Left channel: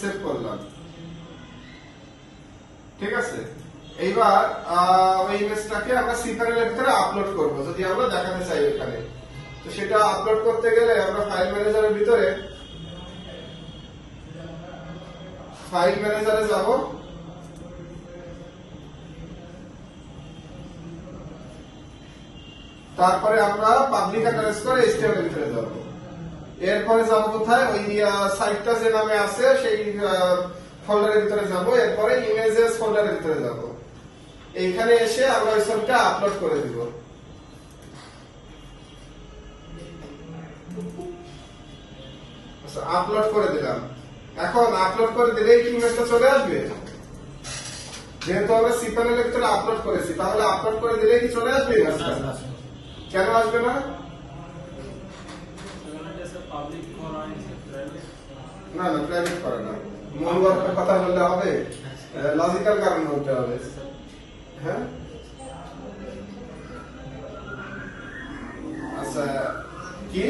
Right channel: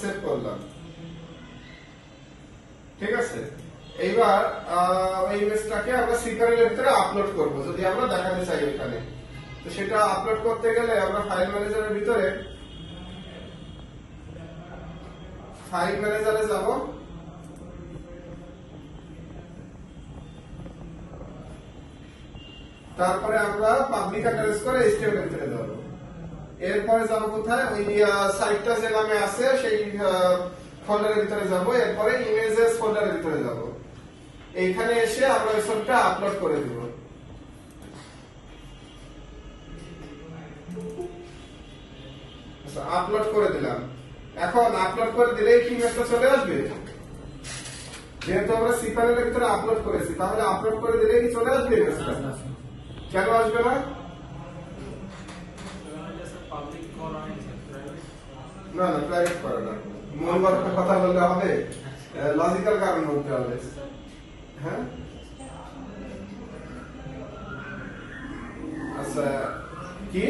Save করলাম। ঠিক আছে? এইবার ওই ইমেজটাকে আমরা সিপারের ভিতরে আপলোড করব, যদি আমরা দেখাতে চাই এখানে। তো সেটা আপলোড করতে গেলে আমরা ফাইল ম্যানেজারের ভিতরে ফাইল ম্যানেজারে যাব। তারপরে আমরা পাবলিক অ্যাড্রেস করে এইচটিএমএল এর ভিতরে যাব। এরপরে যাব কোথায়? ওই সাইটটা যে নামে আছে, সেই ফোল্ডারের ভিতরে যাব। এরপরে ইমেজেস ফোল্ডারের ভিতরে যাব। এইখানে এসে আমরা ওই ছবিটা আপলোড করে দেব। আপলোড করে দিলাম। এখন আপলোড করে দিলেই কি ইমেজটা চলে আসবে? যেহেতু আমরা সি ভিতরে আপলোড করেছি, তাহলে আপলোড করে দিলেই কি চলে আসবে কেন আসবে না? না না প্রাইভেট করে না মন গড়া কথা বললে হবে লজিক্যাল কারণ বলতে হবে হ্যাঁ আচ্ছা কি